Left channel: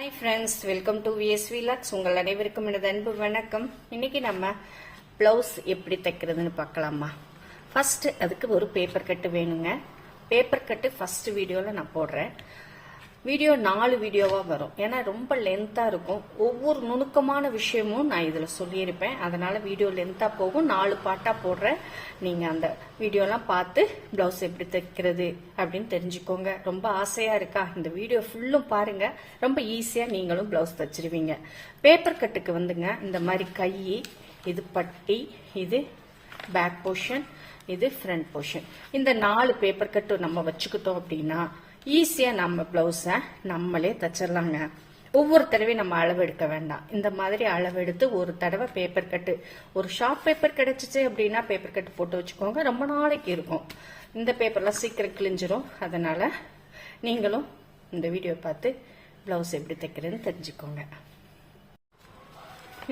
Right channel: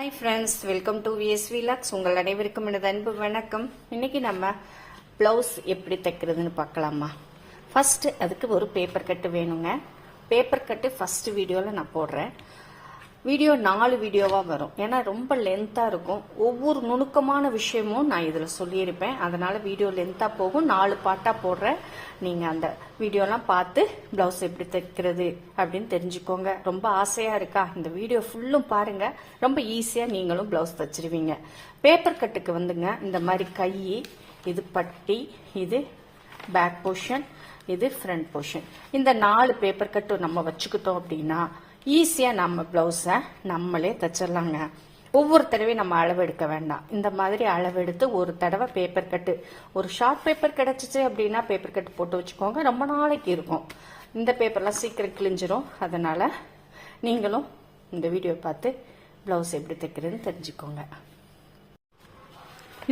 Hi friends, welcome to VSV logs. உங்கள் அனைவருக்கும் எனது அன்பு வணக்கம். இன்னைக்கு நம்ம பிளவுஸ் எப்படி தைக்கிறதுன்னு பார்க்கலாமா. ஃபர்ஸ்ட் அதுக்கு ஒரு பேப்பர் கட்டு வேணுங்க. பேப்பர் கட்டு ஃபர்ஸ்ட் வீடியோவில் நான் போடுறேன். வீடியோ 4 வீடியோவாக வரும், ஏன்னா ரொம்ப லென்த்தாக இருக்கும். ஒவ்வொரு நுணுக்கமான விஷயமும் நான் இதில் சொல்லியிருப்பேன், அதனால வீடியோ லென்த்தாக போகும். 4 பாட்டாக போடுறேன். நீங்கள் அந்த வீடியோலாம் பார்த்து பிளவுஸ் எப்படி தைக்கிறது அப்படின்னு தெரிஞ்சுக்கோங்க. ரொம்ப ஆசையாக இருக்கா? இந்த வீடியோ ஃபுல்லும் பாருங்க, ரொம்ப ஈஸியாக நீங்களும் பிளவுஸ் தைச்சிருவீங்க. பேப்பர் கட்டுக்கு வந்துங்க, இந்த மாதிரி கை, இது பட்டி, இது பேக் போர்ஷன், இது ஃப்ரண்ட் போர்ஷன். இந்த 4 பேப்பர் கட்டு நம்ம வச்சுக்கிட்டோம் அப்படின்னா ஈஸியா நம்ம பிளவுஸை நம்மளே தச்சிடலாங்க. ஒவ்வொரு தடவையும் நம்ம அளவு எடுக்க வேண்டாம். இந்த மாதிரி அளவு எடுத்து ஒரு தடவை பேப்பர் கட்டு, ஒரு ஷார்ட் பேப்பர் கிடைச்சிச்சு அப்படின்னா பேப்பர் கட்டு போட்டு வச்சுக்கோங்க, ரொம்ப நாளைக்கு இருக்கும். இந்த பேப்பர்லாம் சீக்கிரம் கிழிஞ்சிரும். அதனால நீங்களும் இந்த வீடியோ பார்த்து பிளவுஸ் எப்படி தைக்கிறதுன்னு தெரிஞ்சுக்கோங்க.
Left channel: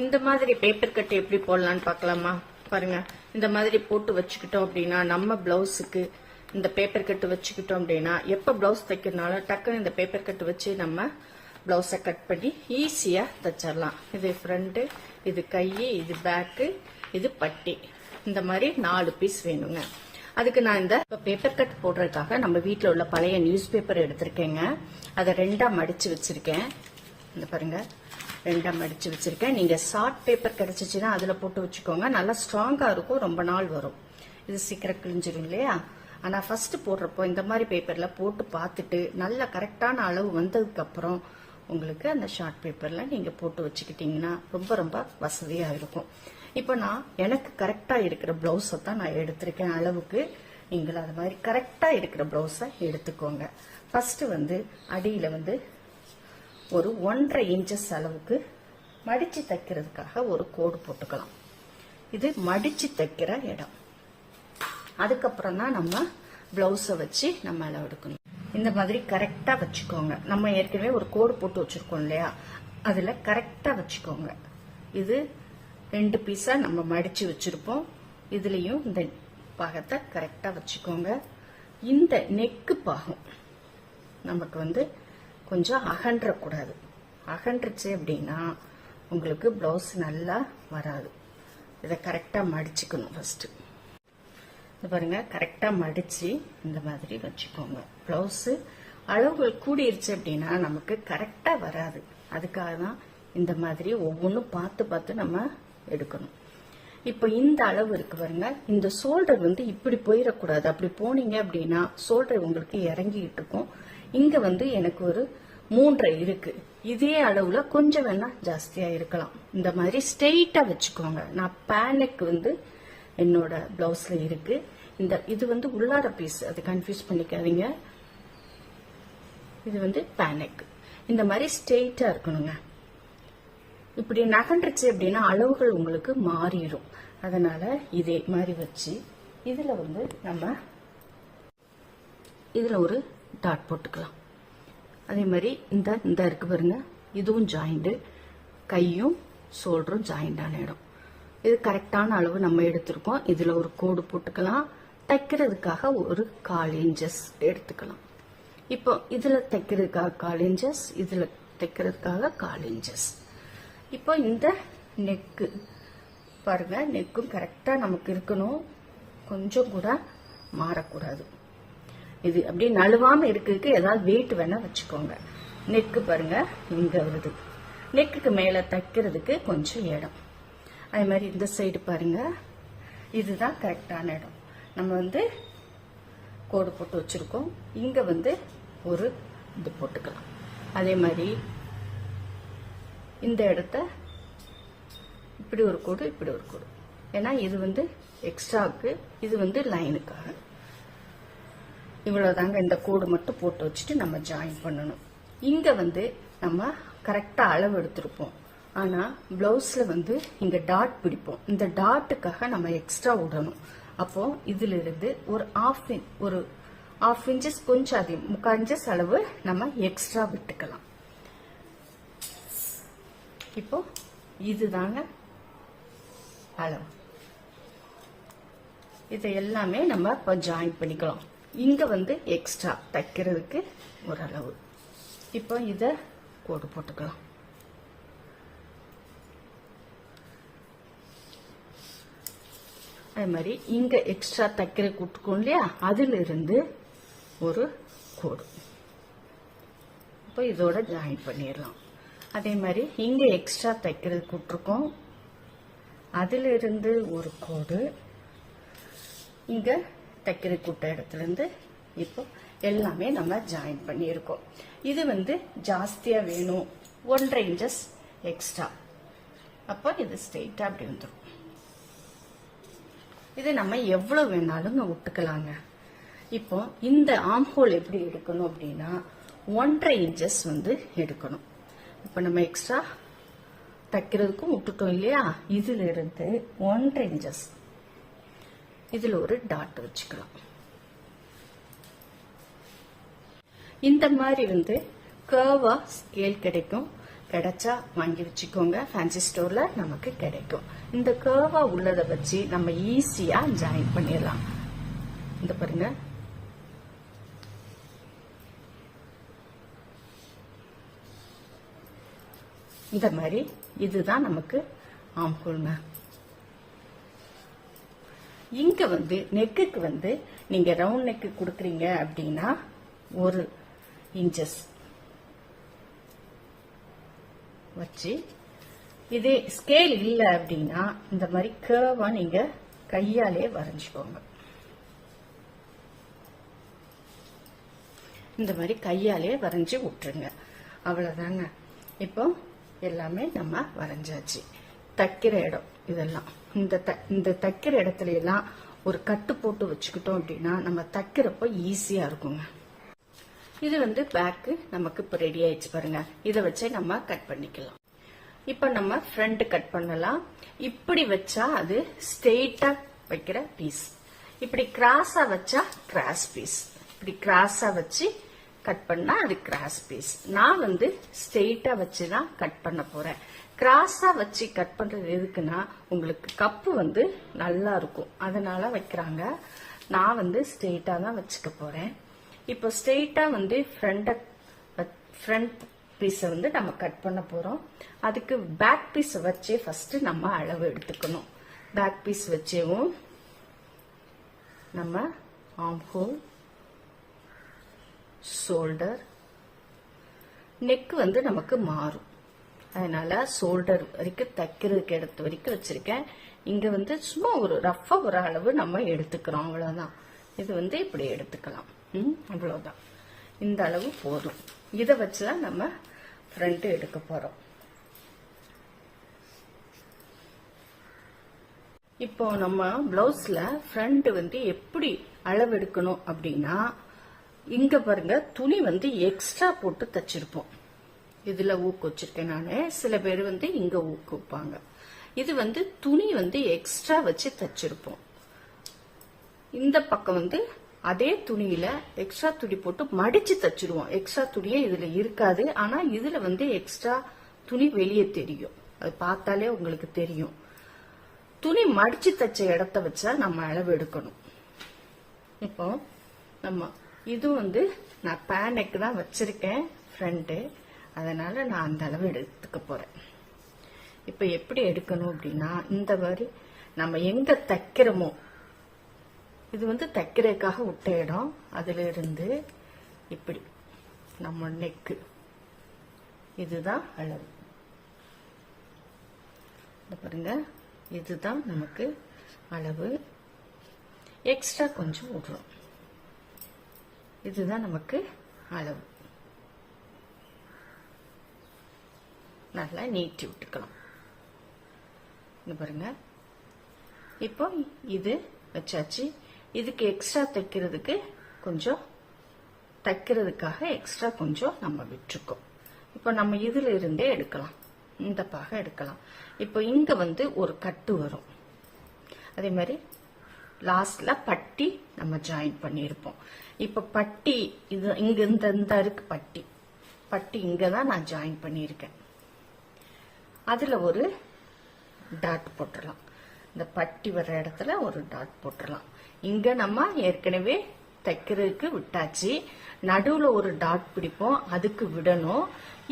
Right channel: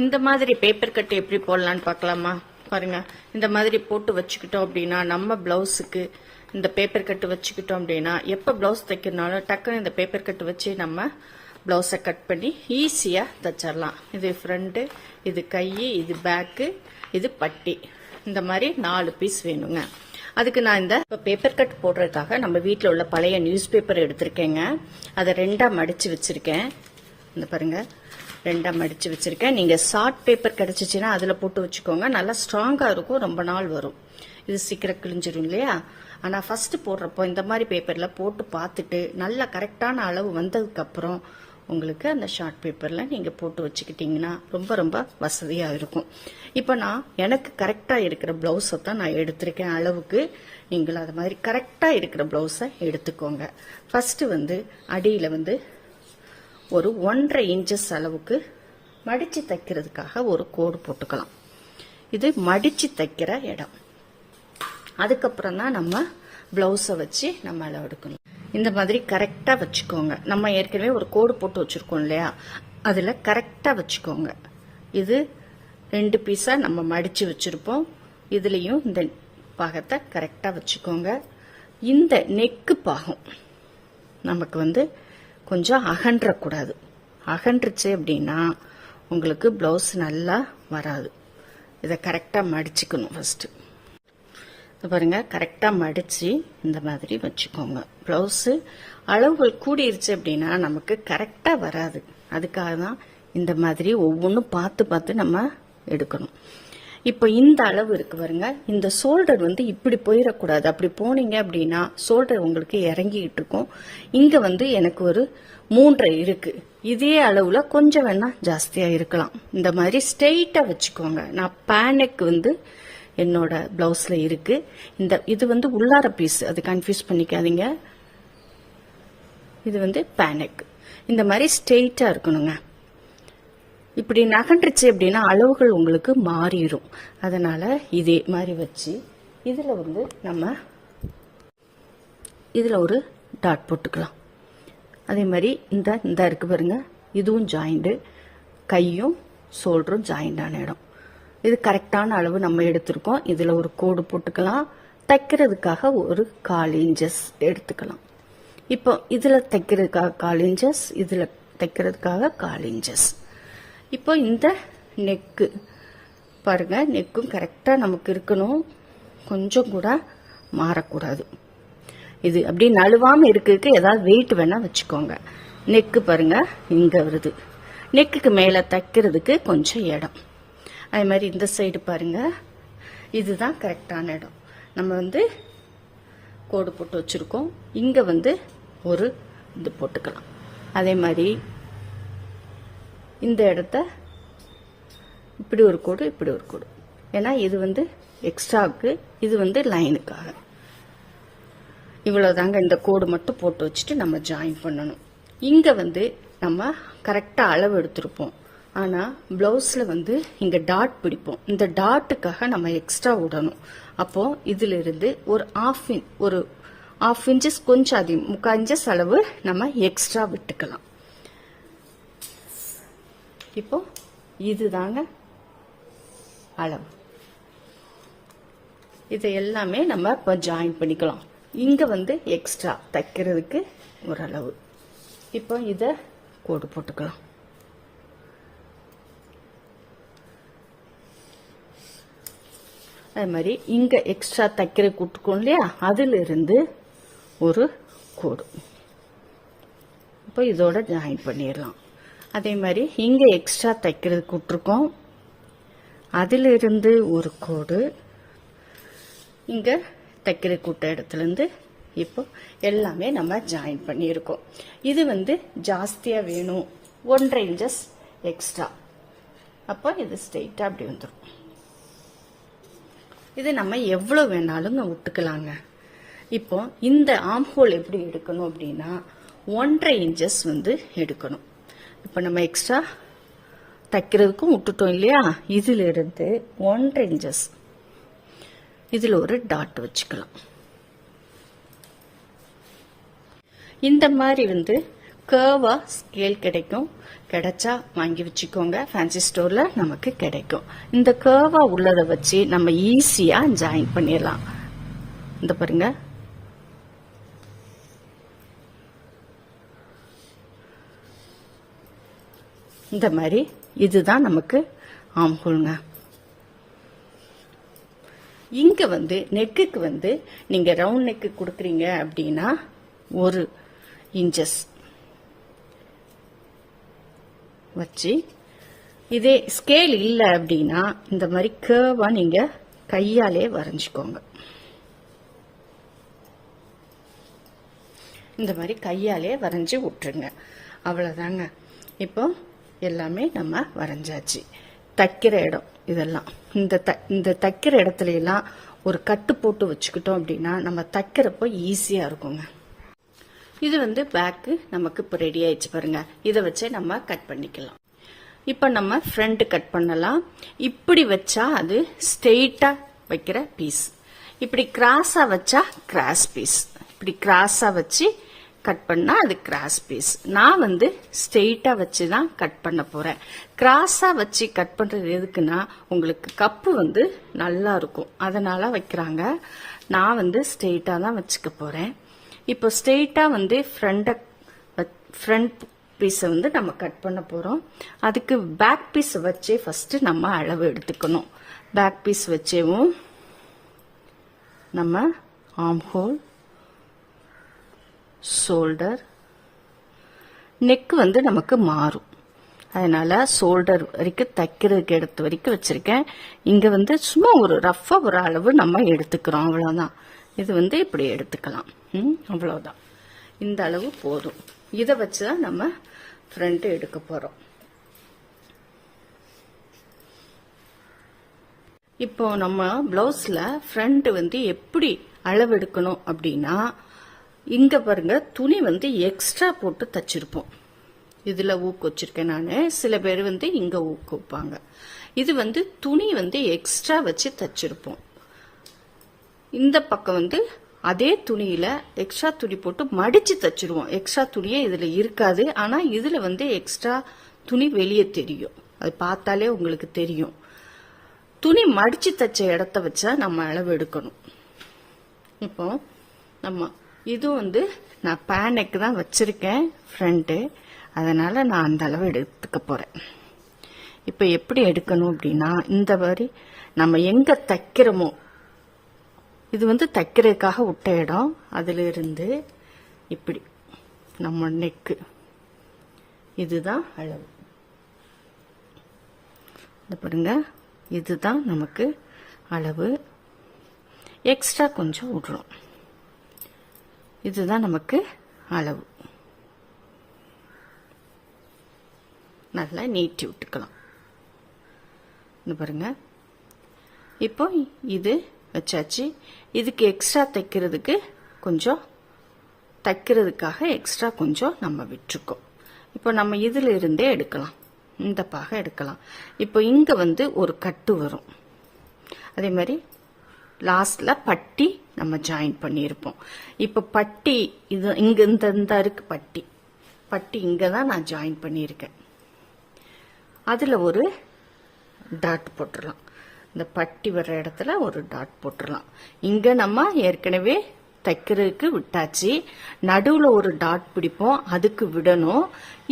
இந்த மாதிரி பேப்பர் கட்டு எப்படி போடலான்னு பார்க்கலாமா. பாருங்க, இந்த மாதிரி போட்டு வச்சுக்கிட்டோம் அப்படின்னா நம்ம பிளவுஸுக்கு இந்த பேப்பர் கட்டு வச்சுக்கிட்டோம் அப்படின்னா எப்போ பிளவுஸ் தைக்கிறதுனால டக்குன்னு இந்த பேப்பர் கட்டு வச்சு நம்ம பிளவுஸை கட் பண்ணி ஈஸியா தச்சிடலாம். இது ஃப்ரண்ட், இது கை, இது பேக்கு, இது பட்டி. இந்த மாதிரி 4 பீஸ் வேணுங்க. அதுக்கு நான் இந்த பேப்பர் கட் போடுறதுக்காக நம்ம வீட்டில் உள்ள பழைய நியூஸ் பேப்பர் எடுத்திருக்கேங்க. அதை 2ஆ மடிச்சு வச்சிருக்கேன். இந்த பாருங்க, 2ஆ மடிச்சு வச்சிருக்கேன். நீங்க ஷார்ட் பேப்பர் கிடைச்சிச்சுன்னா அதுல போட்டு வச்சுக்கோங்க, நல்லா ஸ்ட்ராங்கா இருக்கும், ரொம்ப நாள் வரும். இது சீக்கிரம் கிழிஞ்சிரும் இல்லையா. ஆனா ஃபர்ஸ்ட் போடுறப்போ இந்த மாதிரி பேப்பர்ல போட்டு பார்த்துட்டு நல்ல கரெக்டான அளவு வந்ததுக்கு அப்புறம் உங்களுக்கு அந்த ஷார்ட் பேப்பர்ல நீங்க போட்டு வச்சுக்கிட்டீங்கன்னா ரொம்ப ரொம்ப வசதியா இருக்கும். இப்ப நான் எனக்கு கரெக்டா இருக்கிற பிளவுஸை தான் நான் எடுத்திருக்கேன் அளவுக்கு. நீங்களும் அது மாதிரி கரெக்டா இருக்கிற பிளவுஸை எடுத்துக்கோங்க. ஃபர்ஸ்ட் அடியில ஒரு 1.5 இன்ச்சஸ் அளவுக்கு மடிச்சு தைக்கிறதுக்காக ஒரு கோடு போட்டுக்கலாம். இது மடிச்சு தைக்கிற இடம். அதுக்கப்புறம் தான் நம்ம பிளவுஸை வச்சு நம்ம அளவு எடுக்கணும். இந்த மாதிரி கரெக்டா வச்சுக்கோங்க. நம்ம ஏற்கனவே ஒரு கோடு போட்டு வச்சிருக்கோம் இல்லையா, அதுல கரெக்டா வச்சுக்கோங்க. இது 2 பீஸா நம்ம மடிச்சு வச்சிருப்போம். இதுலயும் இந்த பாகத்தை கரெக்டா வச்சுக்கோங்க. இந்த நெக்கு பாகம் நமக்கு கொஞ்சம் அகன்றக்கூடாது. அகன்றுச்சு அப்படின்னா உங்களுக்கு பிளவுஸ் நல்லா வராது. இதை கரெக்டா மடிச்சுக்கணும். ஃபர்ஸ்ட் பாருங்க, கரெக்டா மடிச்சு இந்த மாதிரி வச்சுக்கோங்க. பிளவுஸ் அளவுகள் கூடிருச்சு அப்படின்னா நமக்கு கரெக்டா வராது. அதுக்காக தான் இந்த மாதிரி ஒவ்வொன்றும் பார்த்து பார்த்து நம்ம எடுக்கணும். இப்போ இந்த அளவு இருக்கு பாருங்க, இந்த ஷோல்டர் இப்படி போயிடக்கூடாது. அப்படி போனீங்க அப்படின்னா ஷோல்டர் உங்களுக்கு இறங்கிட்டு இருக்கும். இங்க எனக்கு ஒரு 3.5 இருக்கு. இதே அளவுல கொஞ்சம் வேணா ஜாஸ்தியா இருக்கலாம். இந்த மாதிரி ஸ்ட்ரெயிட்டா வச்சுக்கோங்க. நான் பேனுக்கு என்னோட பிளவுஸ்ல இருக்கு. இது உள்ளார பீஸ், அது கன்ஃபியூஸ் பண்ணிக்காதீங்க. இது பேனக். இந்த மாதிரி ஸ்ட்ரெயிட்டா இருக்கணுங்க. இப்படி நகன்றுச்சு அப்படின்னா அளவுகள் உங்களுக்கு மாறிடும். அதனால இதே மாதிரி வச்சு இதுல நம்ம இதுல ஒரு டாட் போட்டுக்கலாம். அதே மாதிரி இந்த இருக்கு பாருங்க, இதுவும் ஜாயிண்ட், கையும் ஷோல்டரும் ஜாயிண்ட் ஆன இடம். இது கரெக்டான அளவு நம்ம எடுத்திருக்கோம். இதுல ஒரு கோடு போட்டுக்கலாம். தைக்கிறதுக்காக ஒரு 1/4 இன்ச்சஸ் எடுத்துக்கலாம். இப்போ இதுல தைக்கிறதுக்காக 1/4 இன்ச்சஸ், இதுல தைக்கிறதுக்காக 1/4 இன்ச்சஸ். இப்போ இந்த நெக்கு பாருங்க, நெக்கும் கரெக்டா நமக்கு இருக்கணும். கொஞ்சம் கூட மாறக்கூடாது. இது அப்படியே நழுவாம இருக்கிறதுக்கு ஏதாவது வெயிட் வேணா வச்சுக்கோங்க. நெக்கு பாருங்க இங்க வருது. நெக்குக்கு மேல தைக்கிறதுக்கு கொஞ்சம் இடம். அதே மாதிரி இந்த சைடு பாருங்க, இதுதான் கரெக்டான இடம். நம்ம கோடு போட்டு வச்சிருக்கோம். இங்க ஒரு இது போட்டுக்கலாம். அதே மாதிரி இந்த இடத்த இப்படி ஒரு கோடு, இப்படி ஒரு கோடு. ஏன்னா இது எக்ஸ்ட்ராவுக்கு, இது லைனுக்காக. இவ்வளவுதாங்க. இந்த கோடு மட்டும் போட்டு வச்சுட்டு நம்ம ஜாயின் பண்ணணும். இங்க நம்ம கரெக்டா அளவு எடுத்திருப்போம். ஆனா பிளவுஸ்ல இங்க டாட் பிடிப்போம். இந்த டாட்டுக்காக நம்ம எக்ஸ்ட்ரா விடணும். அப்போ இதுல இருந்து ஒரு half இன்ச்சஸ், கொஞ்சம் அதிகம் 3/4 இன்ச்சஸ் அளவு நம்ம எக்ஸ்ட்ரா விட்டுக்கலாம். இப்போ இதுதாங்க அளவு. இதை எல்லாமே நம்ம இப்போ ஜாயின் பண்ணிக்கலாம். இங்க எக்ஸ்ட்ரா தைக்கிறதுக்கு ஒரு அளவு. இப்போ இதை கோடு போட்டுக்கலாம். அது மாதிரி இங்க எக்ஸ்ட்ரா தைக்கிற கூட்டுக்கோம் இல்லையா, அதுல இருந்து ஒரு கோடு இப்போ இதோட ஜாயின் பண்ணிடலாம். அதே மாதிரி இங்க எக்ஸ்ட்ரா தைக்கிறது கூட்டிருக்கோம், அதுல இருந்து ஒரு கோடு, இங்க தைக்கிற கூட்ட இடத்துல இருந்து இப்போ எல்லாமே நம்ம ஜாயின் பண்ணியிருக்கோம். இது வந்து ஜாஸ்தியா வேணும், 1.5 இன்ச்சஸ் எக்ஸ்ட்ரா, அப்போ இது ஸ்ட்ரெயிட்டா அப்படி வந்துடும். இது நம்ம எவ்வளவு வேணாலும் விட்டுக்கலாங்க. இப்போ இந்த ஆர்ம் ஹோல் எப்படி எடுக்கணும் அப்படின்னா 1.5 இன்ச்சஸ் வந்து எடுக்கணும். இப்போ நம்ம எக்ஸ்ட்ரா தைக்கிறதுக்கும் விட்டுட்டோம் இல்லையா, இதுல இருந்து 1.5 இன்ச்சஸ் இதுல ஒரு டாட் வச்சுக்கலாம். இந்த மாதிரி வந்து கர்வா ஸ்கேல் கிடைக்கும், கிடைச்சா வாங்கி வச்சுக்கோங்க, ஃபேன்சி ஸ்டோர்ல நமக்கு கிடைக்கும். இந்த கர்வா உள்ளதை வச்சு நம்ம ஈஸியா ஜாயின் பண்ணிடலாம். இந்த பாருங்க, இந்த மாதிரி இதுதான் நமக்கு ஆர்ம் ஹோல்ங்க. இங்க வந்து நெக்குக்கு வந்து நீங்க ரவுண்ட் நெக்கு கொடுக்குறீங்க அப்படின்னா 1 இன்ச்சஸ் வச்சு, இதே ஸ்கேல் இல்லை அப்படின்னா இந்த மாதிரி கர்வா நீங்க கையாலே வரைஞ்சுக்கோங்க. இந்த மாதிரி கையாலே வரைஞ்சி விட்டுருங்க, அவ்வளவுதாங்க. இப்போ எல்லாமே நம்ம வரைஞ்சாச்சு. தைக்கிற இடம் இதெல்லாம், இந்த தைக்கிற இடத்துல எல்லாம் ஒரு கட்டு போட்டு வச்சுக்கிட்டோம் அப்படின்னா நம்ம தைக்கிறப்போ ஈஸியா இருக்குங்க. இது வந்து பேக்கு நமக்கு இப்போ ரெடி ஆயிடுச்சு பாருங்க. இதை வச்சு நம்ம கட் பண்ணிக்கலாம். இப்போ நம்ம ஃப்ரண்ட் கட் பண்ணலாம். இப்படி வச்சா அது ஸ்ட்ரெயிட்டா வைக்கிற பீஸ், இப்படி கிராஸா வச்சா கிராஸ் பீஸ், இப்படி கிராஸா வச்சு கட் பண்ணா அது கிராஸ் பீஸ். நான் வந்து ஸ்ட்ரெயிட்டா வச்சுதான் கட் பண்ண போறேன். கிராஸா வச்சு கட் பண்றது எதுக்குன்னா உங்களுக்கு கப்பு வந்து நல்லா இருக்கும், அதனால வைக்கிறாங்க. நான் வந்து ஸ்ட்ரெயிட்டா தான் வச்சுக்க போறேன். இப்போ ஸ்ட்ரெயிட்டா வந்து ஃப்ரண்ட் பீஸை வந்து நம்ம கட் பண்ண போறோம். அதுக்கு பேக் பீஸ் வச்சே ஃபர்ஸ்ட் நம்ம அளவு எடுத்துக்கணும். பேக் பீஸ் வச்சேவும் நம்ம ஆர்ம் ஹோல், ஷோல்டர், நெக் வந்து நமக்கு மாறும், அதனால ஷோல்டர் வரைக்கும் தைக்கிறதுக்கு எடுத்த வரைக்கும் வச்சிருக்கேன். இங்க வந்து சும்மா ஒரு ரஃபா ஒரு அளவு நம்ம எடுத்துக்கிறோம், அவ்வளவுதான். இது வந்து இப்படி எடுத்துக்கலாம், அவ்வளவுதான். இந்த அளவு போதும். இதை வச்சுதான் நம்ம ஃப்ரண்ட் எடுக்க போறோம். இப்போ நம்ம பிளவுஸ்ல ஃப்ரண்ட் வந்து எப்படி அளவு எடுக்கணும் அப்படின்னா, இங்க பாருங்க துணி வந்து எக்ஸ்ட்ரா போட்டு தச்சிருப்போம். இதுல ஊக்கு வச்சிருக்கேன் நானு. சில பேர் வந்து இங்க ஊக்கு வைப்பாங்க. இது வந்து துணி வந்து எக்ஸ்ட்ரா வச்சு தச்சிருப்போம். இந்த பக்கம் வந்து அதே துணியில எக்ஸ்ட்ரா துணி போட்டு மடிச்சு தச்சிருவோம். எக்ஸ்ட்ரா துணியே இதுல இருக்காது, ஆனா இதுல வந்து எக்ஸ்ட்ரா துணி வெளியே தெரியும், அது பார்த்தாலே உங்களுக்கு தெரியும். துணி மடிச்சு தச்ச இடத்த வச்சா நம்ம அளவு எடுக்கணும். இப்போ நம்ம இது வந்து நான் பேனெக்கு தான் வச்சிருக்கேன் ஃப்ரண்ட், அதனால நான் அந்த அளவு எடுத்துக்க போறேன். இப்ப எப்படி எடுக்கணும் அப்படின்னா, இந்த மாதிரி நம்ம எங்க தைக்கிறோமோ, இது வந்து தைக்கிறதுக்காக விட்ட இடம், அதுல இருந்து இப்படி நம்ம நெக்கு இதுதான் அளவு. இந்த பாருங்க, இதுதான் நமக்கு அளவு. எக்ஸ்ட்ரா கொஞ்சம் விடுறோம், இதுதான் நமக்கு அளவு. நல்லா நீட்டி விட்டுக்கலாம். இந்த பாருங்க, இப்போ இது வச்சாச்சு. இதுக்கு எக்ஸ்ட்ரா தைக்கிறதுக்கு கொஞ்சம் தைக்கிறதுக்காக எக்ஸ்ட்ரா கொஞ்சம் நம்ம விட்டுருக்கோம். இப்போ நம்ம இதுல இருந்தே எடுக்கலாம், இந்த பாக எடுக்கலாம். இப்போ இங்க வந்து ஒரு கட்டு வரும், அதே மாதிரி லாஸ்ட்ல பட்டி நம்ம ஜாயின் பண்ணியிருப்போம். இப்போ பட்டி இது இங்க இந்த இருக்கு, பட்டி இங்க தான் நான் ஜாயின் பண்ணியிருக்கேன். அதுல ஒரு டாட் போட்டுடலாம். இந்த பட்டி வர்ற இடத்துல ஒரு டாட் போட்டுடலாம். இங்க நம்ம ஏற்கனவே தைக்கிறதுக்கு விட்டாச்சு. நடுவுல ஒரு டாட் பிடிப்போம், அதுக்கு விடணும்.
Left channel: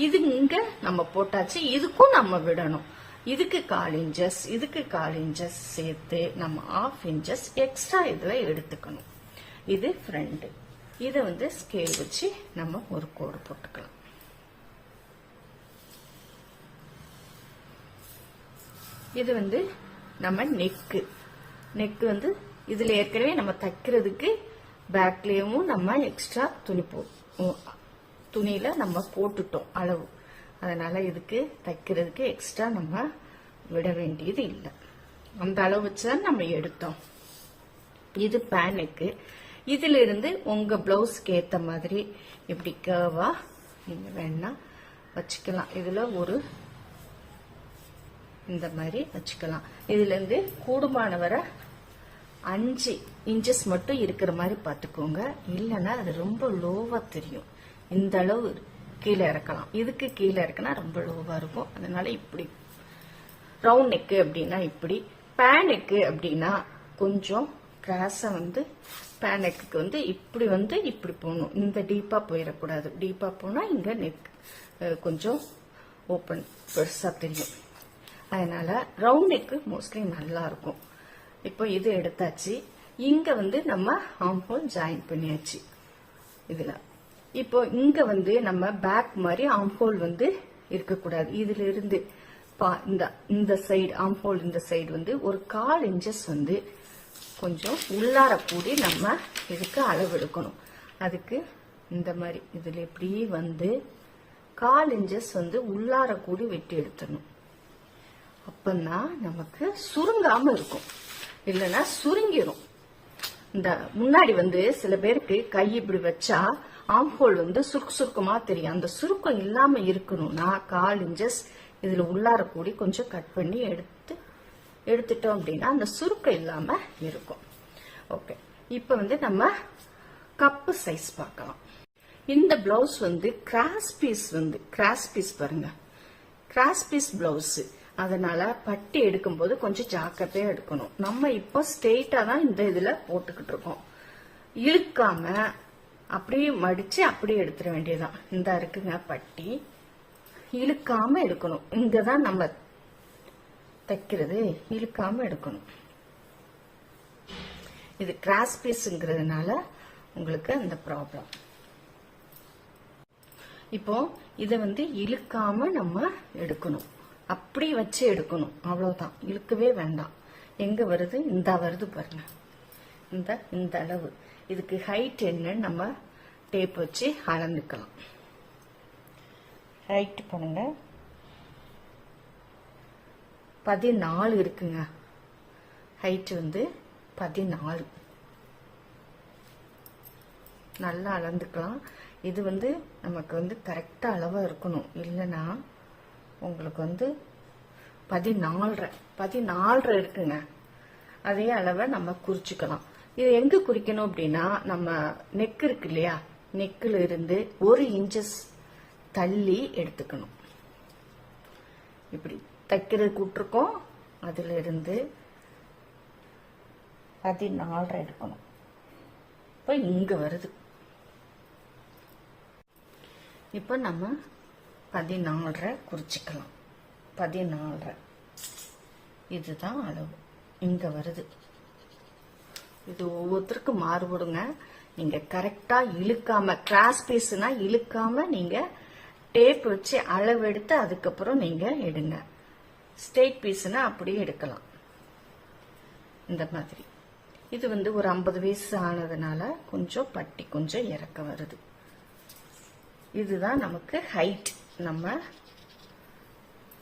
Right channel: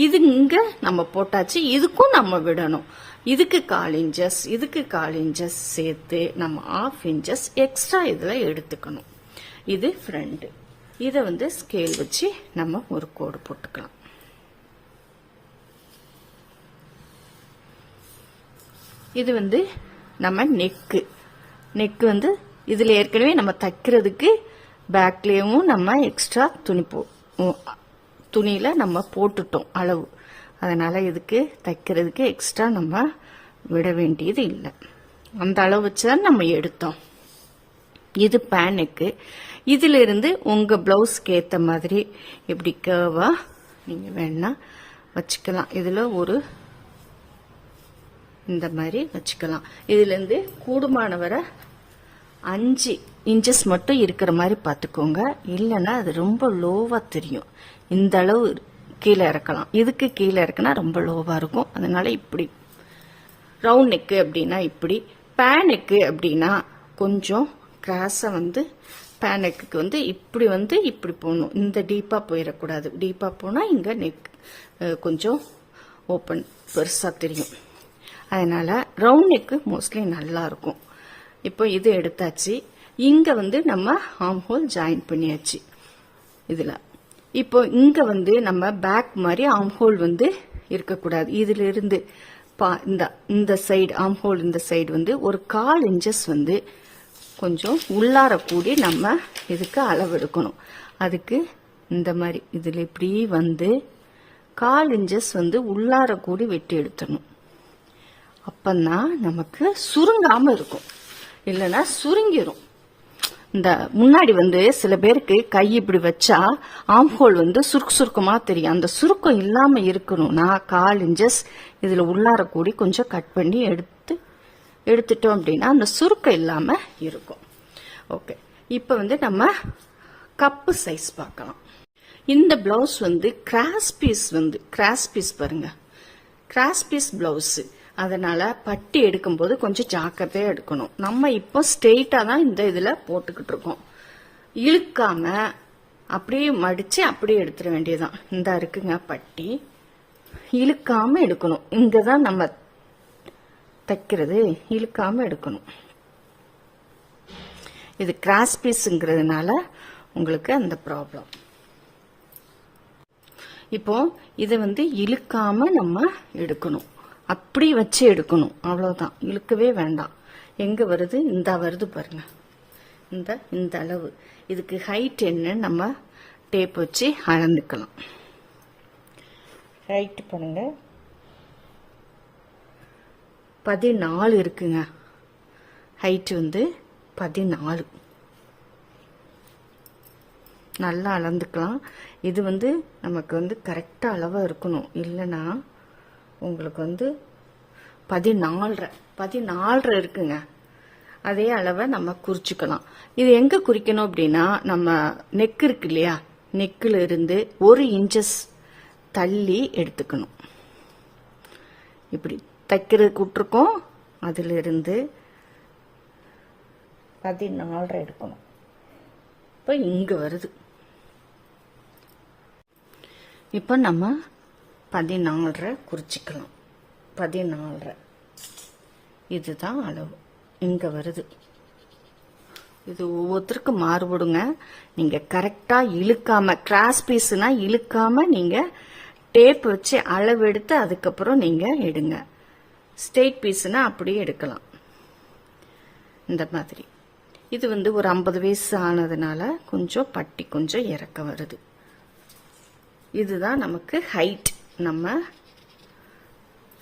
இது இங்க நம்ம போட்டாச்சு, இதுக்கும் நம்ம விடணும். இதுக்கு 1/4 இன்ச்சஸ், இதுக்கு 1/4 இன்ச்சஸ் சேர்த்து நம்ம 1/2 இன்ச்சஸ் எக்ஸ்ட்ரா இதுல எடுத்துக்கணும். இது ஃப்ரண்ட். இதை ஸ்கேல் வச்சு நம்ம ஒரு கோடு போட்டுக்கலாம். இது நம்ம நெக்கு இதுல ஏற்கனவே நம்ம தைக்கிறதுக்கு பேக்லயும் நம்ம எக்ஸ்ட்ரா துணியில நம்ம போட்டுட்டோம் அளவு. அதனால இதுக்கு தைக்கிறதுக்கு எக்ஸ்ட்ரா நம்ம விட வேண்டியது இல்லை. அந்த அளவு வச்சுதான் நம்ம எடுத்தோம். இது பேனுக்கு. இதுல இருந்து உங்க பிளவுஸ்க்கு ஏத்த மாதிரி இப்படி கர்வா நீங்க வேணா வச்சுக்கலாம். இதுல ஒரு இந்த மாதிரி வச்சுக்கலாம். இதுல இருந்து கூடுமான வரை 5 இன்ச்சஸ் மட்டும் இருக்கிற மாதிரி பார்த்துக்கோங்க. இல்லைன்னா அது ரொம்ப லோவா தெரியும். இந்த அளவு கீழே இறக்கலாம். இதுக்கு கீழே இறக்குனா ரொம்ப லோவா இருக்கும். அதனால இப்படி ரவுண்ட் நெக்கு அப்படின்னா இப்படி, பேன் நெக்கு அப்படின்னா கொஞ்சம் கிராஸா பேன் நெக்குக்கு இப்படி இப்படி போகணும். இந்த டீப்பா போயிடக்கூடாது. டீப்பா போனா இங்க நெக் கொஞ்சம் ஓப்பன் பெருசா தெரியும். அதனால ரவுண்ட் நெக்கு மோஸ்ட்லி நல்லா இருக்கும். இப்போ இது எடுத்தாச்சு. இங்க நம்ம ஆர்ம் ஹோல் ஜாயின் பண்ணியாச்சு. இதுல இப்போ இங்க நம்ம பேக் மாதிரி ஆர்ம் ஹோல் இருக்கக்கூடாது. இதுல இருந்து இந்த சைடு ஆர்ம் ஹோல், இந்த சைடு ஒரு 1/4 இன்ச்சஸ் கொஞ்சம் உள்ளார கூடி நம்ம இதுக்கு அளவு எடுக்கணும். அதுக்கு இந்த மாதிரி இதுல இப்படி 1/4 இன்ச்சஸ் உள்ளார கூடி வெட்டி எடுத்துடணும். அப்பந்தான் நமக்கு சுருங்காம இருக்கும். இல்லைன்னா சுருங்கிரும். இந்த முன்னாடி சில பேருக்கு கை இப்படி வச்சா ஆர்ம் ஹோல் சுருக்கமா தெரியும். அந்த சுருக்கம் இல்லாம இருக்கணும்னா 1/4 இன்ச்சஸ் இதுல உள்ளார கூடி கொஞ்சம் கட் பண்ணி எடுத்துட்டோம் அப்படின்னா அந்த சுருக்கம் இல்லாம இருக்கும். ஓகே, இப்ப நம்ம கப்பு சைஸ் பார்க்கலாம். இந்த பிளவுஸ் கிராஸ் பீஸ் பாருங்க, கிராஸ் பீஸ் பிளவுஸ். அதனால பட்டி எடுக்கும் போது கொஞ்சம் ஜாக்கிரதையா எடுக்கணும். நம்ம இப்போ ஸ்ட்ரெயிட்டா தான் இந்த இதுல போட்டுக்கிட்டு இருக்கோம். இழுக்காம அப்படியே மடிச்சு அப்படியே எடுத்துட வேண்டியதுதான். இந்த இருக்குங்க பட்டி, இழுக்காம எடுக்கணும். இங்கதான் நம்ம தைக்கிறது, இழுக்காம எடுக்கணும். இது கிராஸ் பீஸ்ங்கிறதுனால உங்களுக்கு அந்த ப்ராப்ளம். இப்போ இதை இழுக்காம நம்ம எடுக்கணும். அப்படி வச்சு எடுக்கணும். அவ்வளவுதான், இழுக்கவே வேண்டாம். எங்க வருது? இந்த வருது பாருங்க, இந்த அளவு. இதுக்கு ஹைட் என்ன நம்ம டேப் வச்சு அளந்துக்கலாம். ஹைட் பண்ணுங்க, 14 இருக்குங்க. ஹைட் 14. நல்லா அளந்துக்கலாம். இது நமக்கு கரெக்டா அளவா இருக்கணும். இல்லைன்னா உங்களுக்கு 14 இருக்குங்க. அதே அளவை நம்ம குறிச்சுக்கலாம். இது எங்க குறிக்கணும் அப்படின்னா, நம்ம நெக் இருக்கு இல்லையா, நெக்கில் இருந்து 1 இன்ச்சஸ் தள்ளி எடுத்துக்கணும். இப்படி தைக்கிறதுக்கு விட்டுருக்கோம், அதுல இருந்து 14 எடுக்கணும். இப்ப இங்க வருது. இப்ப நம்ம 14 குறிச்சுக்கலாம். 14 இதுதான் அளவு. இங்க வருது. இது ஒவ்வொருத்தருக்கும் மாறுபடுங்க. நீங்க கரெக்டா இழுக்காம, கிராஸ் பீஸ்னா இழுக்காம நீங்க டேப் வச்சு அளவு எடுத்து அதுக்கப்புறம் நீங்க எடுங்க. ஸ்ட்ரெயிட் பீஸ்னா அப்படியே எடுக்கலாம். இந்த மாதிரி இது ஒரு 50 வயசு ஆனதுனால கொஞ்சம் பட்டி கொஞ்சம் இறக்க வருது. இதுதான் நமக்கு ஹைட், நம்ம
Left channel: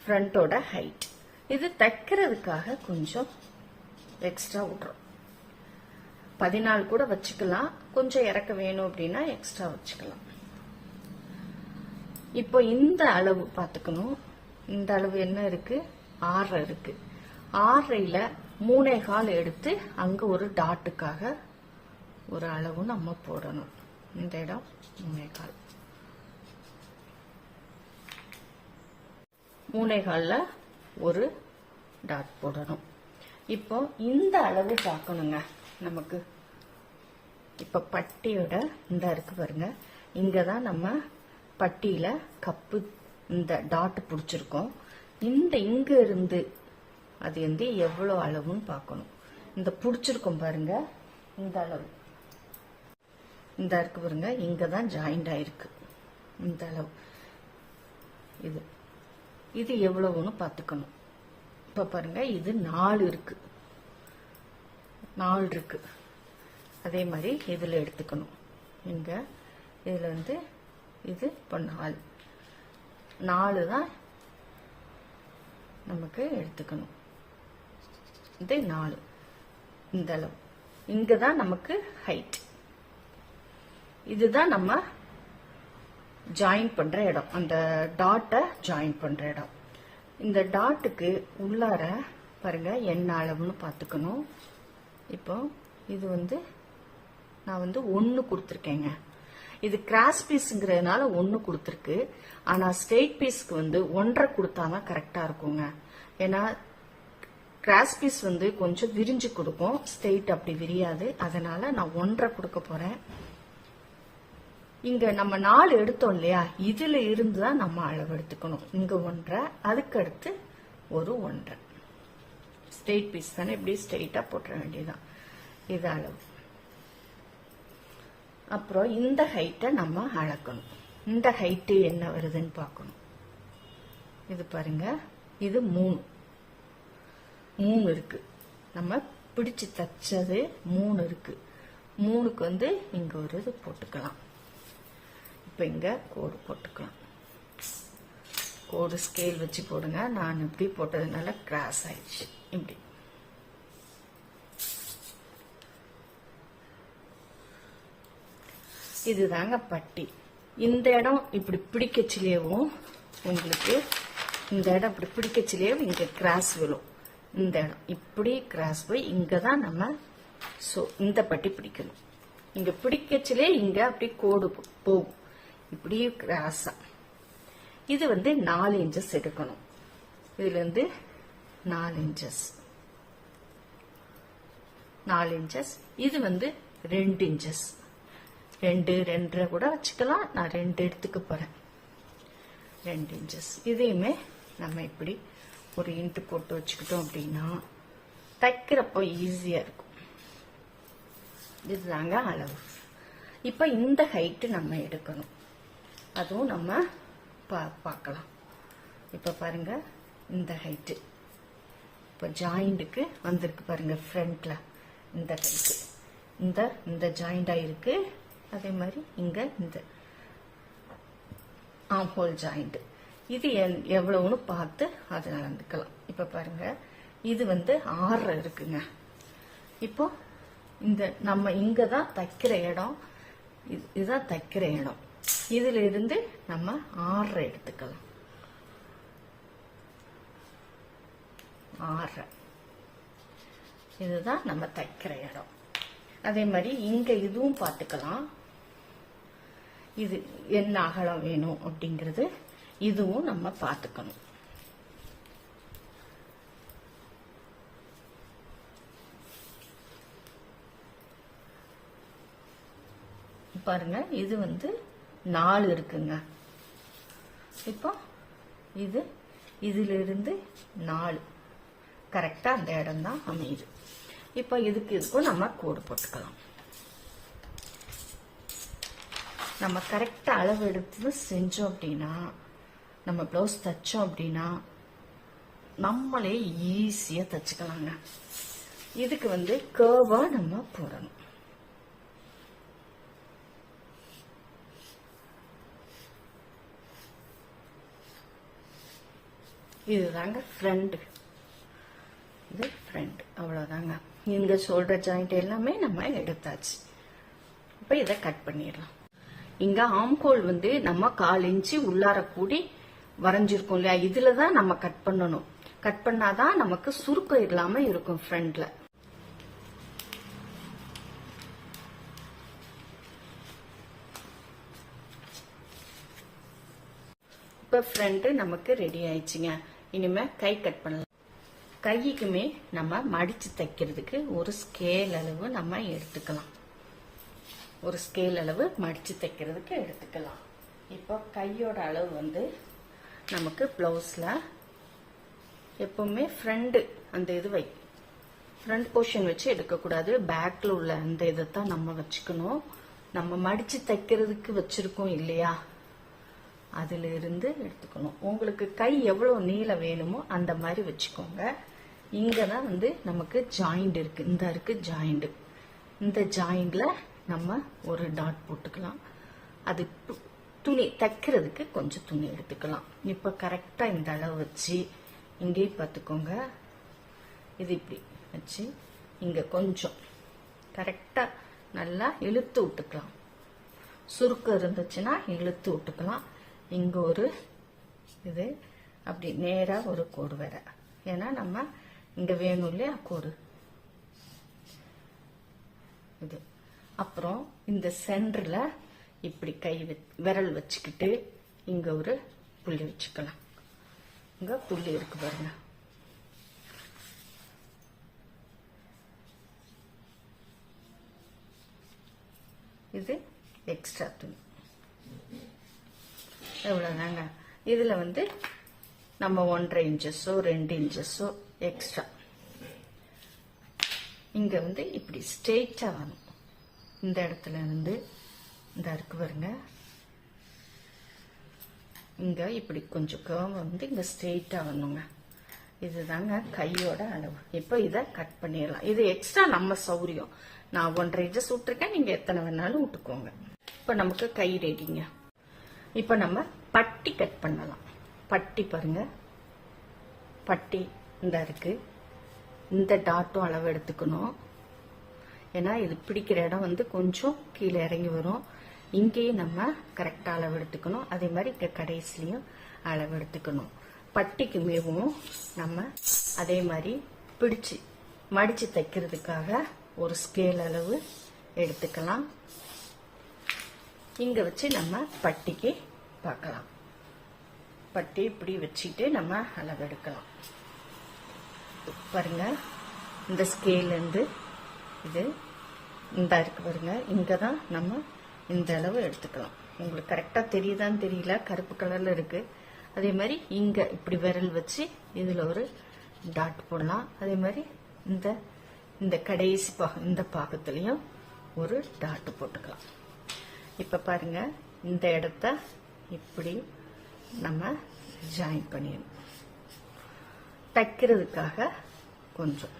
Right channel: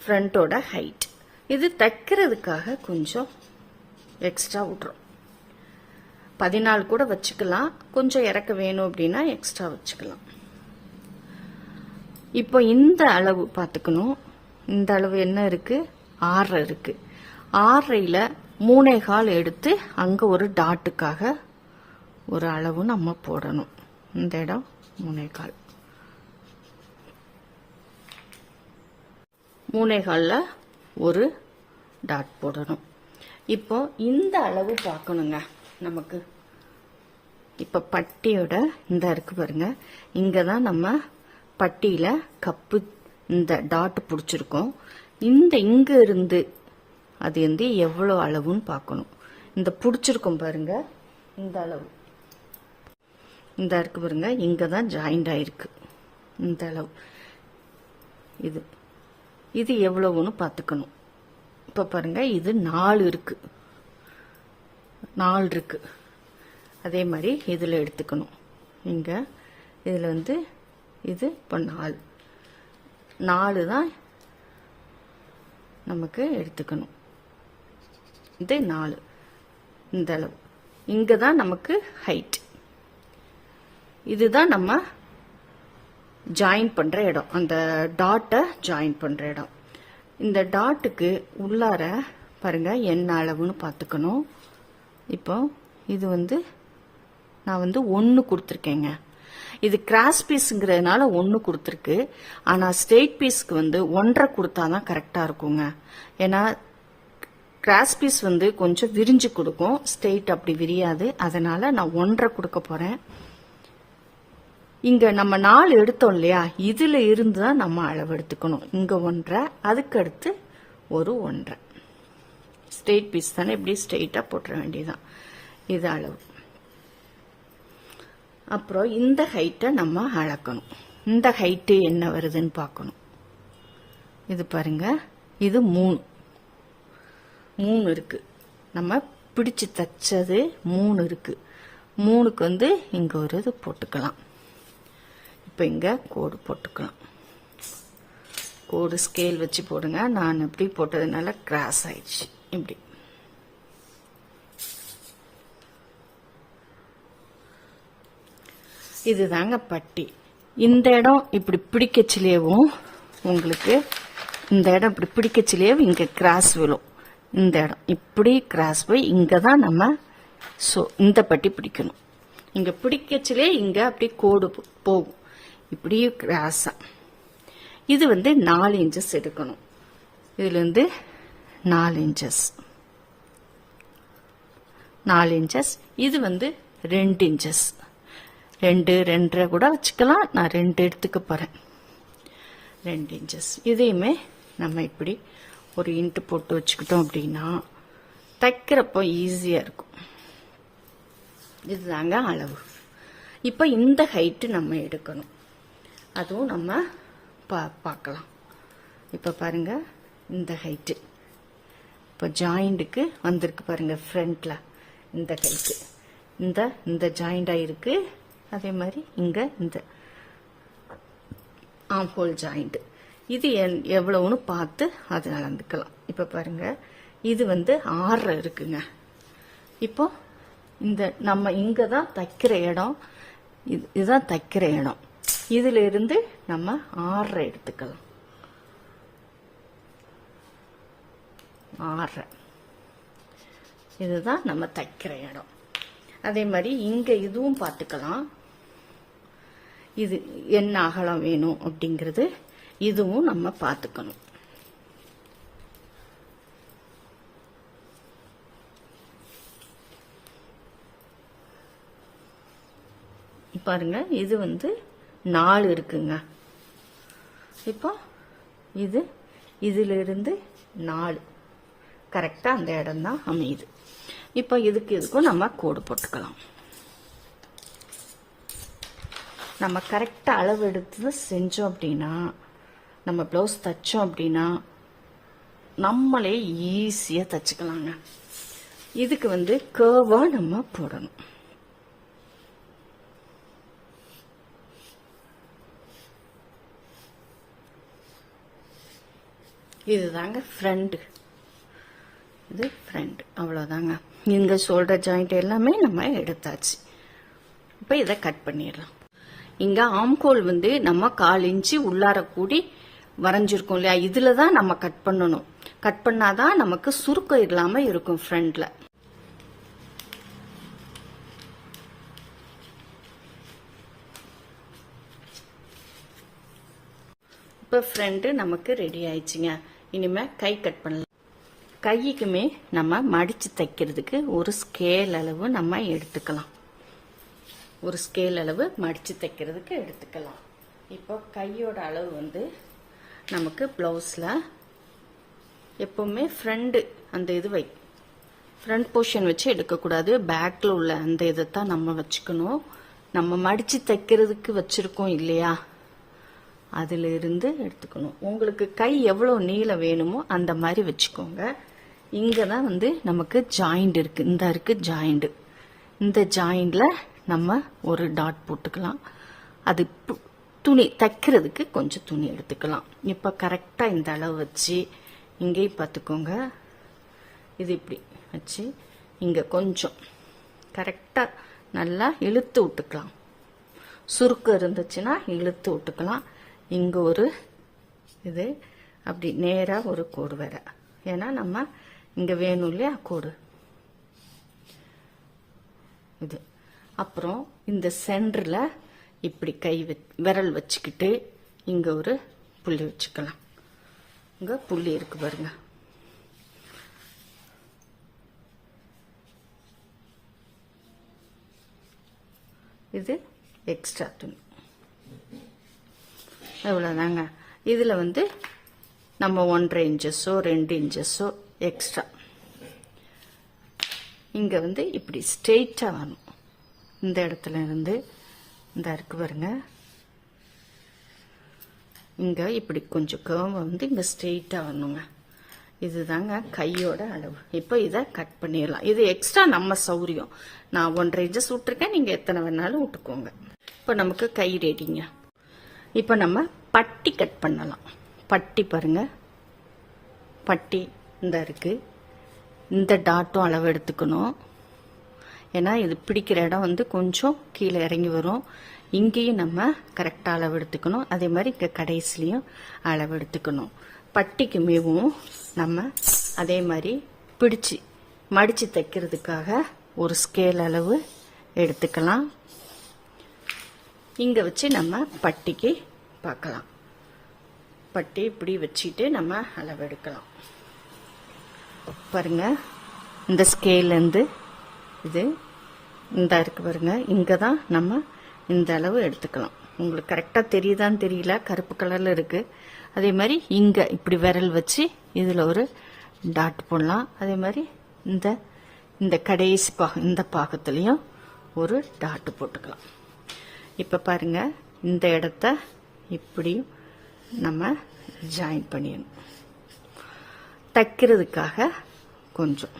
ஃப்ரண்டோட ஹைட். இது தைக்கிறதுக்காக கொஞ்சம் எக்ஸ்ட்ரா விட்றோம். 14 கூட வச்சுக்கலாம். கொஞ்சம் இறக்க வேணும் அப்படின்னா எக்ஸ்ட்ரா வச்சுக்கலாம். இப்போ இந்த அளவு பார்த்துக்கணும். இந்த அளவு என்ன இருக்கு? 6 இருக்கு. 6ல 3/4 எடுத்து அங்க ஒரு டாட்டுக்காக ஒரு அளவு நம்ம போடணும். இந்த இடம் 3/4. 3/4ல ஒரு டாட் போடணும். இப்போ இந்த அளவு பார்க்கணுங்க. நமக்கு இப்போ பட்டியோட இந்த இருக்கு பாருங்க, இங்கே தான் நம்ம பட்டியில் கப்பு இந்த டாட் பிடிச்சிருக்கோம். இங்கே இருந்து அது வந்து எவ்வளோ அளவுன்னு பார்க்கணும். இந்த பிடிச்சிருக்கோம் பாருங்க, இந்த அளவு இந்த இருக்கு பாருங்க, இங்கே தான் ஜாயிண்ட் ஆயிருக்கு இந்த அளவு. இது எவ்வளவுன்னு பார்த்துக்கணும். இப்போ பாருங்க, இது 4 இருக்கு, 4 இருக்கு. அதே மாதிரி இதில் எடுத்துக்கணும். இங்கே இதில் வந்து இது இப்போ 4 தான் நமக்கு எடுத்துக்கணும். இது 4 இந்த அளவு. இங்கே தான் நமக்கு ஹைட். இதுதான் நம்ம ஜாயின் பண்ணுற இடம், அந்த டாட்டை ஜாயின் பண்ணுற இடம். இந்த டாட்டுக்கு உள்ளார பாருங்க என்ன அளவுன்னு பார்த்துக்கணும். இப்போ இது வந்து நான் வந்து 1 கொடுத்துருக்கேங்க. இது கிராஸ் பீஸுங்கிறதுனால 1 கொடுத்துருக்கு. ஆனால் ஸ்ட்ரெயிட் பீஸ்க்கு வந்து 1.5 கொடுத்தாதான் கரெக்டாக இருக்குங்க. ஏன்னா கிராஸ் பீஸ் வந்து கொஞ்சம் விரிஞ்சு கொடுக்கும், ஸ்ட்ரெயிட் அப்படி விரியாது. அதனால நான் 1.5 கொடுக்க போறேன். இங்க நம்ம 4 எடுத்தோம் இல்லையா, இதுல இருந்து தான் நம்ம அளவு எடுத்துக்கணும். இங்க 1.5, அதுக்கு அடுத்து ஒரு 1.5. ஸ்ட்ரெயிட் பீஸ் தானே, இப்படி ஸ்ட்ரெயிட்டா போட்டுற வேண்டியதுதான். இது அளவு. அப்புறம் இந்த ஹைட்டை நம்ம அளக்கணும். இந்த ஹைட்டு என்ன வருதுன்னு பார்க்கணும். இது பாருங்க, இது 3 இருக்கு. நம்ம பிடிச்சு தச்சது 3 இருக்கு. 3க்கு வந்து இங்க ஒரு இது போட்டுக்கலாம். இப்போ இங்க கோடு போட்டுக்கலாம். கோடு ஸ்கேல் வச்சு போடுங்க. நான் இப்படி போட்டதுனால கிராஸ் ஆயிடுச்சு. இப்படி இதுதாங்க பட்டி. இந்த இடம் இப்படி பிடிக்கச்சிலேயும் உங்களுக்கு இந்த இடம் இப்படி பிடிக்கச்சிலேயே இங்க கிராஸ் விழும். இந்த இடம் இப்படி கிராஸ் போய் இங்க தான் நம்ம இந்த பட்டி பிடிக்கணும். இங்க பிடிக்கச்சிலே இங்க அப்படி கோடு போகும், இப்படியே கிராஸா. இது வந்து 4 இன்ச்சஸ் எடுக்கணும். இதுல இருந்து 4 இன்ச்சஸ், 4 இன்ச்சஸ். இது வந்து 2 இன்ச்சஸ், 2 2.5 கூட வச்சுக்கலாம். நான் 2 எடுத்துக்க போறேன். 2 இன்ச்சஸ். இதையுமே நம்ம இப்படி ஒரு இன்ட்டு போட்டு வச்சுக்கிட்டோம் அப்படின்னா தைக்கிறப்போ ஈஸியா இருக்கும். இதுதாங்க அளவு. இப்ப இந்த ஹைட்டு நம்ம எடுக்கணும். அதுவும் நம்ம பார்க்கலாம். இப்ப பாருங்க, இந்த ஹைட்டு இப்போ ஜாயிண்ட்டுக்கு வந்திருக்கு பாருங்க. ஃப்ரண்ட்ல இந்த ஹைட்டு இந்த ஜாயிண்ட் ஆயிருக்கு. அதே மாதிரி இங்க இந்த ஆம் ஹோல் ஜாயிண்ட். இது எவ்வளவுன்னு பார்த்து அதை அளந்துக்கலாம். இப்ப பாருங்க, இது வந்து 6 இருக்குங்க. இப்போ இந்த நம்ம இங்க தான் தைக்கிற இடம், இதுதான் தைக்கிற இடம். இதுல இருந்து நம்ம 6 எடுத்துக்கலாம். 6 இதுதான் நம்ம தைக்கிற இடம். அதே மாதிரி இங்க இதுவும் பார்த்துக்கலாம். இது என்ன அகலம் வேணும் அப்படிங்கிறது இதுவும் நம்ம பார்த்துக்கணும். பாருங்க, இது வந்து 4 இருக்குங்க. இப்போ இதுல இருந்து 4 கரெக்டா அந்த இடம் தான் அமையுது. இப்போ இதுக்கும் நம்ம கோடு போட்டுக்கலாம். நம்ம கரெக்டா அளவு எடுத்து செஞ்சோம் அப்படின்னா, நம்ம பிளவுஸ் தச்சோம் அப்படின்னா நம்மளே ஈஸியா தச்சுக்கலாங்க. இதுக்கு வந்து கர்வா நம்ம போடணும். இதுதாங்க ஃப்ரண்ட். இது ஃப்ரண்ட். அவ்வளவுதாங்க. இங்க ஷோல்டர் ஜாயிண்ட் எல்லாமே நம்ம எடுத்தாச்சு. இப்ப இதை கட் பண்ணிடலாம். இங்க ஆம்கோல் வந்து நம்ம 1/4 இன்ச்சு உள்ளார கூடி வரைஞ்சிருக்கோம் இல்லையா, இதுலதான் நம்ம கட் பண்ணணும். கட் பண்ணாதான் நமக்கு சுருக்கம் இல்லாம இருக்கும் ஃப்ரண்ட்ல. இப்ப ஃப்ரண்ட் நமக்கு ரெடி ஆயிடுச்சுங்க. இனிமே கை கட் பண்ணலாம். கைக்குமே நம்ம மடிச்சு தைக்கிறதுக்கு ஒரு ஸ்கேல் அளவு நம்ம எடுத்துக்கலாம். ஒரு ஸ்கேல் அளவு மடித்து தைக்கிறதுக்கு எடுத்துக்கலாம். இப்போ கையோட அளவு வந்து நமக்கு ப்ளவுஸில் எப்பவுமே ஃப்ரண்ட் அந்த இது ஃப்ரண்ட் போர்ஷன் வச்சு எடுக்கக்கூடாது. பேக்கில் உள்ள அந்த இதை தான் நம்ம வச்சுக்கணும். நம்ம மடித்து தைக்கிறதுக்கு வச்சுருக்கோம் இல்லையா, அதில் இருந்து எடுத்துக்கணும். உங்களுக்கு கை எவ்வளோ நீளம் வேணுமோ அந்த மாதிரி வச்சுக்கோங்க. இங்கே தான் வந்து நமக்கு ஜாயிண்ட் இருக்குது. இந்த இருக்குது ஜாயிண்ட். இந்த ஜாயிண்டில் நம்ம ஒரு டாட் போட்டுக்கலாம். அது துணி தைக்கிறதுக்கு கொஞ்சம் துணி எடுத்துக்கலாம். இப்போ கரெக்டாக இந்த அளவு வச்சு இங்கேயும் பார்த்துக்கோங்க. இது இப்படி வச்சு இங்கே கொஞ்சம் கரெக்டாக நல்லா இழுத்து விட்டுக்கலாம். சுருக்கம் இருந்துச்சுன்னா இழுத்து விட்டுக்கலாம். இங்கே ஒரு இது அப்படி நேராக ஒரு கோடு வேற, ஏன்னா நம்ம இங்கே வேணும் இல்லையா கோடு இது. அப்புறம் இந்த சென்டரில் இப்படி விரல் வச்சுக்கிட்டு இங்கே ஒரு புள்ளி வச்சுக்கலாம். இங்கே புள்ளி இருக்கு பாருங்க. இது எக்ஸ்ட்ரா துணி. எவ்வளோதாங்க. இதில் வந்து நம்ம 1.5 இன்ச்சஸோ 2 இன்ச்சஸோ எக்ஸ்ட்ரா. இங்கே வந்து இப்படி ஸ்ட்ரெயிட்டாக வரணும். இந்த இடத்துல இருந்து இந்த இருக்கு பாருங்க, இங்கே இப்படி கொஞ்சம் கர்வ் வந்து இங்கே ஸ்ட்ரெயிட்டாக வரணுங்க. இதுதாங்க கையோட அளவு. இப்போ இதை கட் பண்ணிடலாம். இது எக்ஸ்ட்ரா நம்ம சௌரியம். நான் 1.5 இன்ச்சஸ் விட்டுருக்கேன், நீங்கள் எத்தனை வேணாலும் விட்டுக்கோங்க. இப்போ நமக்கு கை ரெடிங்க. இப்போ நம்ம பட்டி கட் பண்ணலாம். பட்டி பாருங்க, பட்டி இந்த இருக்கு. இந்த டாட்டும் அளவு எடுத்துக்கணும். ஏன்னா இது பிடிக்கிற இடம் வந்து கொஞ்சம் கீழே இறங்கி வரும். இங்கேயும் நம்ம கரெக்டாக அளவு எடுத்துக்கணும். அதே மாதிரி இங்கே கடைசிலையும் அளவு எடுத்துக்கணும். பட்டிக்கு மேவும் நம்ம அதே மாதிரி பிடிச்சி மடித்து தைக்கிறதுக்காக ஒரு ஸ்கேல் அளவு எடுத்துக்கலாம். இங்கே வச்சு நம்ம பட்டிக்கு பார்க்கலாம். பட்டி இப்படி வச்சுட்டு நம்ம அளவு எடுக்கலாம். பாருங்க, இந்த ஸ்கேல்லேருந்து இது இந்த இருக்கு பாருங்க, இங்கே தான் நம்ம இந்த அளவு எடுத்துக்கலாம். உங்களுக்கு கரெக்டாக தெரியுதான்னு தெரியல, கருப்பு கலரில் இருக்குது. அதே மாதிரி இங்கே இப்படி விரல் வச்சு இதில் ஒரு டாட் போடலாம். அதே மாதிரி இந்த கடைசி இந்த பாகத்துலேயும் ஒரு டாட் போட்டுக்கலாம். இப்போ பாருங்க, இந்த இடத்த இப்படி நம்ம ஜாயின் பண்ணிடணும். தைக்கிறதுக்காக கொஞ்சம்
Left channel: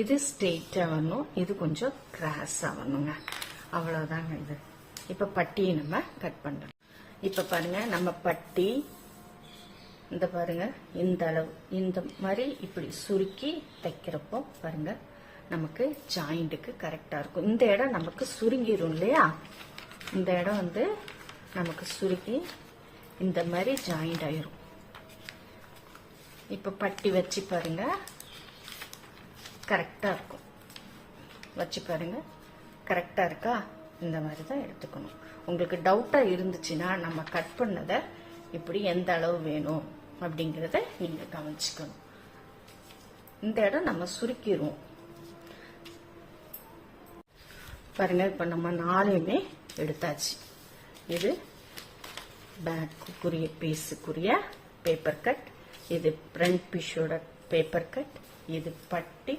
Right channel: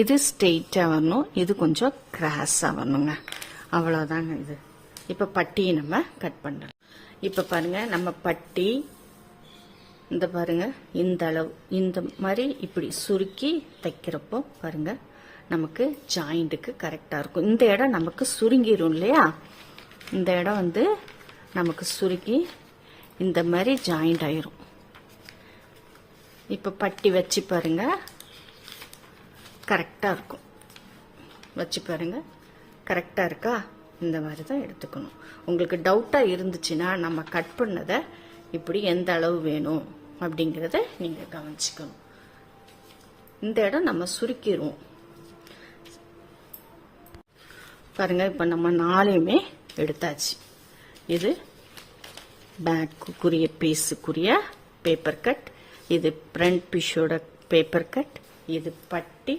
இது ஸ்ட்ரெயிட்டாக வரணும், இது கொஞ்சம் கிராஸாக வரணுங்க. அவ்வளோதாங்க இது. இப்போ பட்டியை நம்ம கட் பண்ணுறோம். இப்போ பாருங்க, நம்ம பட்டி இந்த பாருங்க இந்த அளவு இந்த மாதிரி இப்படி சுருக்கி தைக்கிறப்போ பாருங்க நமக்கு ஜாயிண்ட்டுக்கு கரெக்டாக இருக்கும். இந்த இடம் நமக்கு சுருங்கிரும் இல்லையா, இந்த இடம் வந்து நமக்கு சுருக்கி இந்த மாதிரி ஜாயிண்ட் ஆயிரும். இப்போ பட்டி வச்சு பாருங்க, கரெக்டாக இருக்கும். வச்சு பாருங்க, கரெக்டாக இருக்கா? இந்த மாதிரி தான் எடுத்துக்கணும். உங்களுக்கு டவுட்டாக இருந்துச்சுன்னா நம்ம கட் பண்ணதை இப்படி எந்த அளவு வேணும் அப்படிங்கிறத நீங்கள் கவனிச்சுக்கணும். இந்த இடம் நம்ம சுருக்கிடுவோம் பாருங்க. இப்போ நம்ம 4யுமே எடுத்தாச்சு. இது பேக்குரிய பீஸுக்குரிய பேப்பர் கட், இது ஃப்ரண்ட் பீஸோட பேப்பர் கட், இது பட்டி,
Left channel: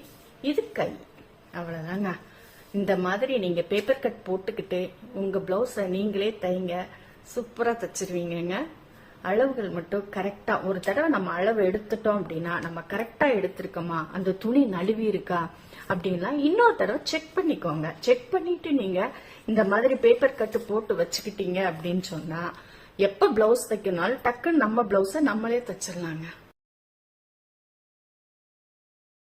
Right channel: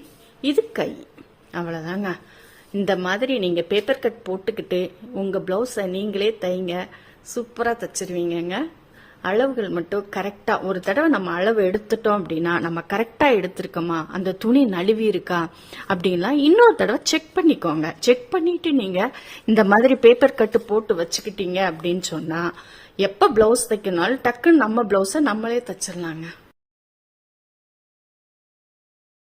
இது கை. அவ்வளோதாங்க. இந்த மாதிரி நீங்கள் பேப்பர் கட் போட்டுக்கிட்டு உங்கள் ப்ளவுஸை நீங்களே தைங்க, சூப்பராக தைச்சிருவீங்கங்க. அளவுகள் மட்டும் கரெக்டாக ஒரு தடவை நம்ம அளவு எடுத்துட்டோம் அப்படின்னா நம்ம கரெக்டாக எடுத்திருக்கோமா, அந்த துணி நழுவி இருக்கா அப்படின்லாம் இன்னொரு தடவை செக் பண்ணிக்கோங்க. செக் பண்ணிட்டு நீங்கள் இந்த மாதிரி பேப்பர் கட்டு போட்டு வச்சுக்கிட்டீங்க அப்படின்னு சொன்னால் எப்போ ப்ளவுஸ் தைக்கணும்னாலும் டக்குன்னு நம்ம ப்ளவுஸை நம்மளே தைச்சிடலாங்க.